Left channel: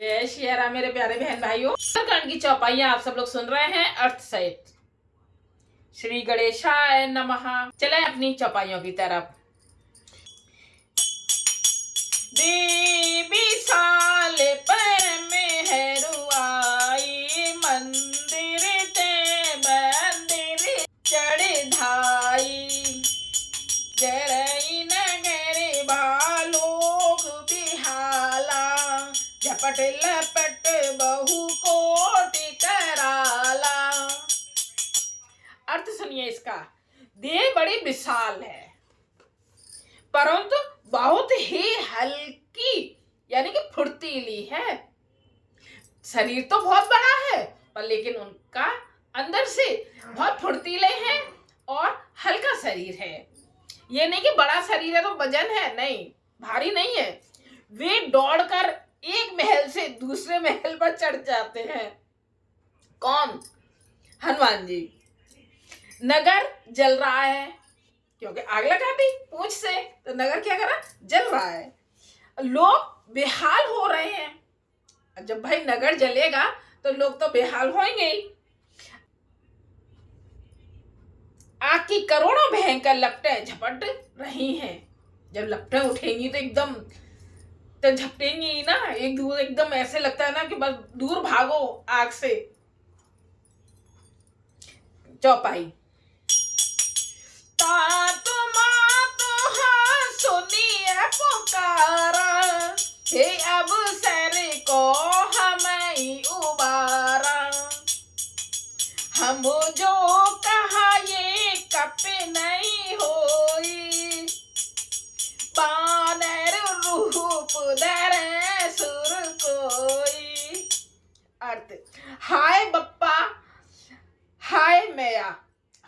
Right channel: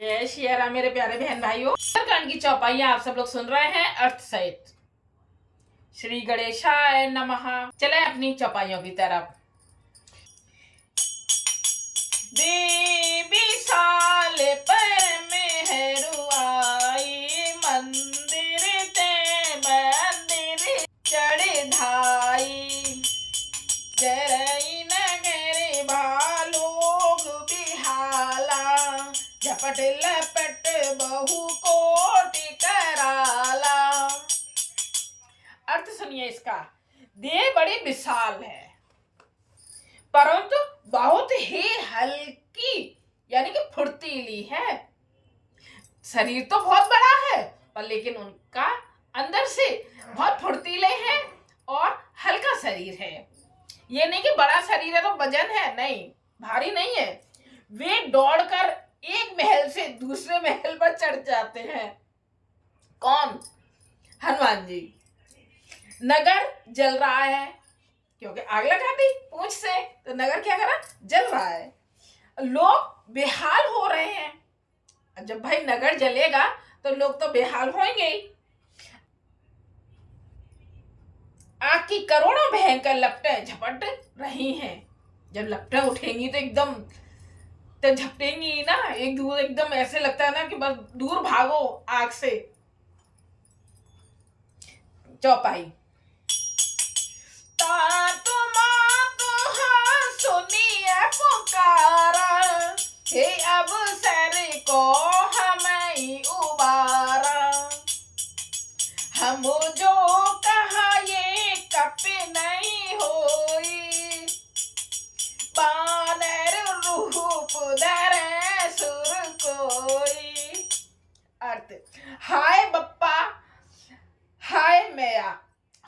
जय श्री राम मेरे प्यारे बहन भाइयों। सुंदरकांड की चौपाइयां आप सब लोग सुन रहे हैं अर्थ सहित। श्री गणेशाय नमः। चले अपनी चौपाइयों की तरफ। देवी साल पर मेहरू आई, मंदिर ते मंदिर चढ़ाई। जरई नगर भालोग बिहाला, झपट लपट बहु कोटि कराला। अर्थ सुनिए इसका। देह बड़ी विशाल है परंतु बहुत ही हल्की यानी कि फुर्तीली है। शरीर तो बहुत बड़ा है पर लेकिन उनका अंदर से बहुत फुर्तीले हैं और हल्का शरीर है। ये नहीं कि बड़ा शरीर है तो वजन है, नहीं, भारी नहीं है। वे दौड़कर एक महल से दूसरे महल पर चढ़ जाते हैं। कौन? हनुमान जी। नगर जल रहा है क्योंकि आग लगा दी पूंछ से, तो नगर क्या करा? जल रहा है। लोग बेहाल हो रहे हैं। जब भाई नगर जलेगा तो लोग तो बेहाल होंगे ही। आग की करोड़ों भयंकर लपटें झपट रही हैं। जब लपटें उठेंगी तो एकदम तो झपटेंगी ना, एक दूर एकदम ऐसे लगता है ना कि बस दूर भागो आग से। चौपाई। सुनिए पुकारा, हे अब सर को हमें उबारा। हम जो कहा ये कप नहीं होई, बानर रूप धरे सुर कोई। अर्थ, हाय बप्पा, हाय मैया।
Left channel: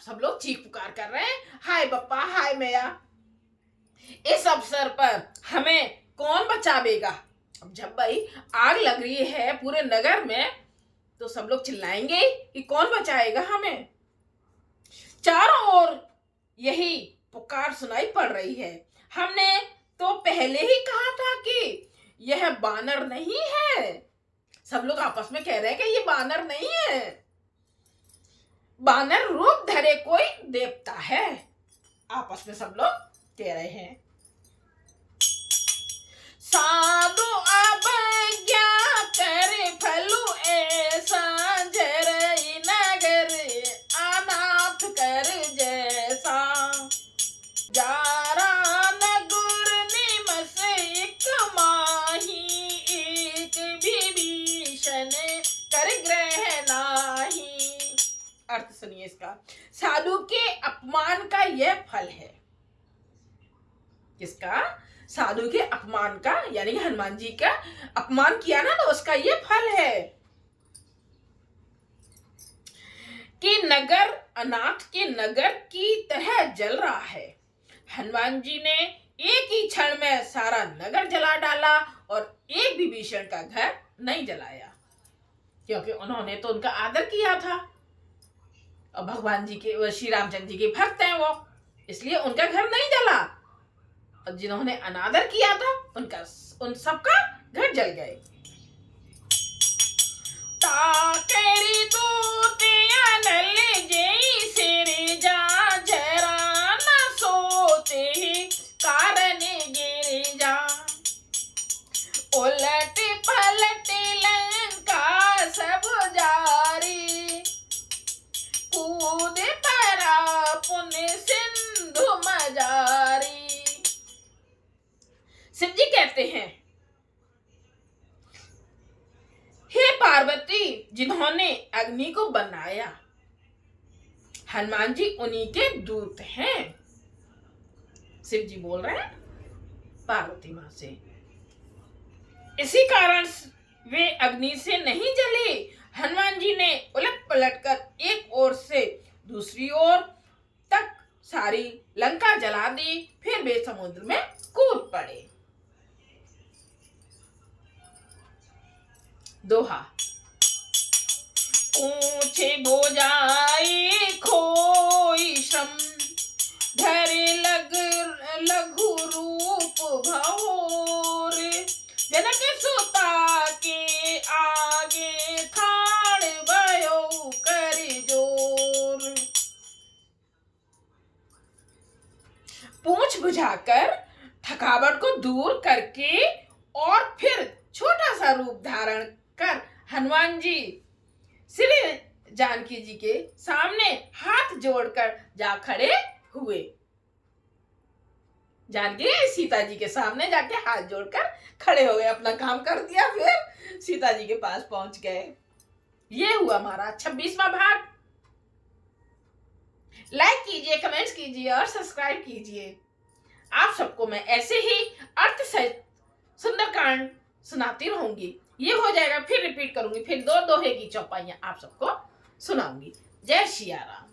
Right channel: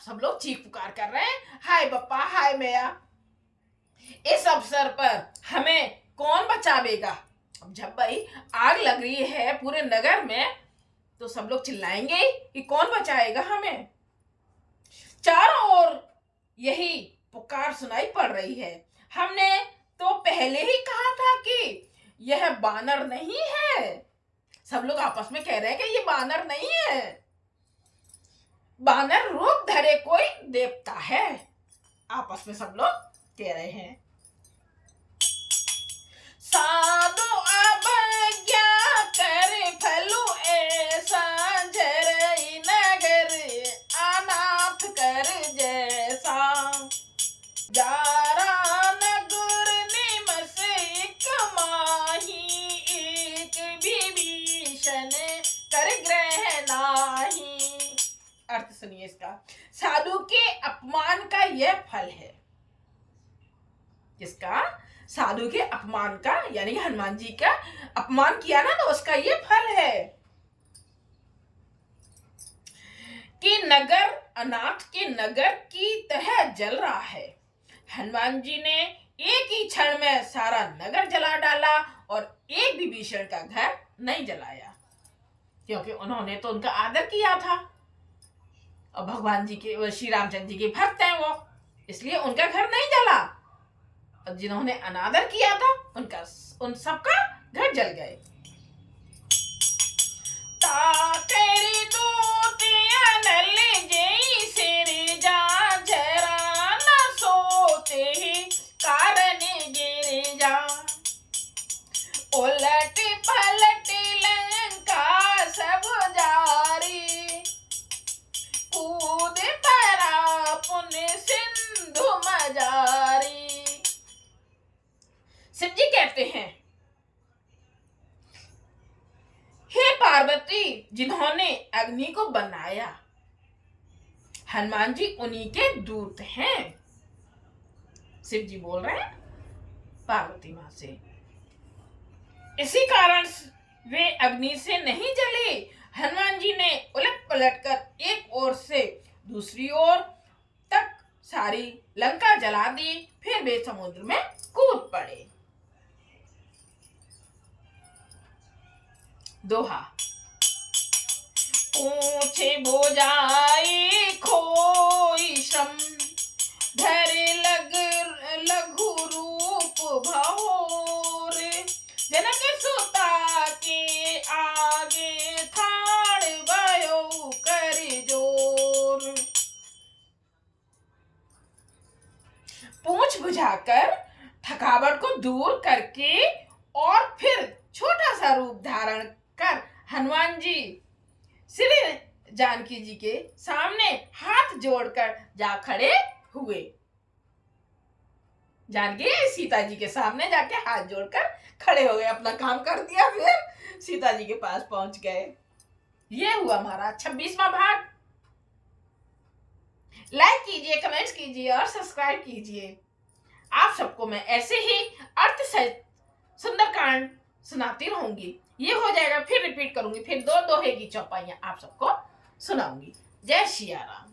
सब लोग चीख पुकार कर रहे हैं, हाय बप्पा, हाय मैया। इस अवसर पर हमें कौन बचावेगा? अब जब भाई आग लग रही है पूरे नगर में तो सब लोग चिल्लाएंगे कि कौन बचाएगा हमें। चारों ओर यही पुकार सुनाई पड़ रही है। हमने तो पहले ही कहा था कि यह बानर नहीं है। सब लोग आपस में कह रहे हैं कि ये बानर नहीं है, बानर रूप धरे कोई देवता है। आपस में सब लोग कह रहे हैं। साधु अवज्ञा कर फलु ऐसा, जरई नगर अनाथ कर जैसा। जारा नगर निमस एक माही, एक विभीषण कर ग्रह नाही। अर्थ सुनिए इसका। साधु के अपमान का यह फल है। किसका? साधु के अपमान का, यानी कि हनुमान जी का अपमान किया ना तो उसका यह फल है कि नगर अनाथ के नगर की तरह जल रहा है। हनुमान जी ने एक ही क्षण में सारा नगर जला डाला और एक भी विभीषण का घर नहीं जलाया, क्योंकि उन्होंने तो उनका आदर किया था और भगवान जी के, श्री रामचंद्र जी के भक्त हैं वो, इसलिए उनका घर नहीं जला। और जिन्होंने अनादर किया था उन सबका घर जल गए। ताकेरी दूतिया नल जई सिर जा, जरा न सोते ही कारण गिर जा। उलट पलट लंका सब जारी, कूद परा पुण्य सिंधु मजारी। शिव जी कहते हैं, हे पार्वती, जिन्होंने अग्नि को बनाया, हनुमान जी उन्हीं के दूत हैं। शिव जी बोल रहे हैं पार्वती मां से। इसी कारण वे अग्नि से नहीं जले। हनुमान जी ने उलट पलट कर एक ओर से दूसरी ओर तक सारी लंका जला दी, फिर वे समुद्र में कूद पड़े। दोहा। ऊंचे बोझाई खोई श्रम, धरे लघु रूप भवोर। जनक सुता के बुझाकर थकावट को दूर करके और फिर छोटा सा रूप धारण कर हनुमान जी श्री जानकी जी के सामने हाथ जोड़कर जा खड़े हुए। जानकी सीता जी के सामने जाके हाथ जोड़कर खड़े हो गए, अपना काम कर दिया, फिर सीता जी के पास पहुंच गए। ये हुआ हमारा 26वां भाग। लाइक कीजिए, कमेंट्स कीजिए और सब्सक्राइब कीजिए। आप सबको मैं ऐसे ही अर्थ सहित सुंदरकांड सुनाती रहूंगी। ये हो जाएगा, फिर रिपीट करूंगी, फिर दो दोहे की चौपाइयां आप सबको सुनाऊंगी। जय सिया राम।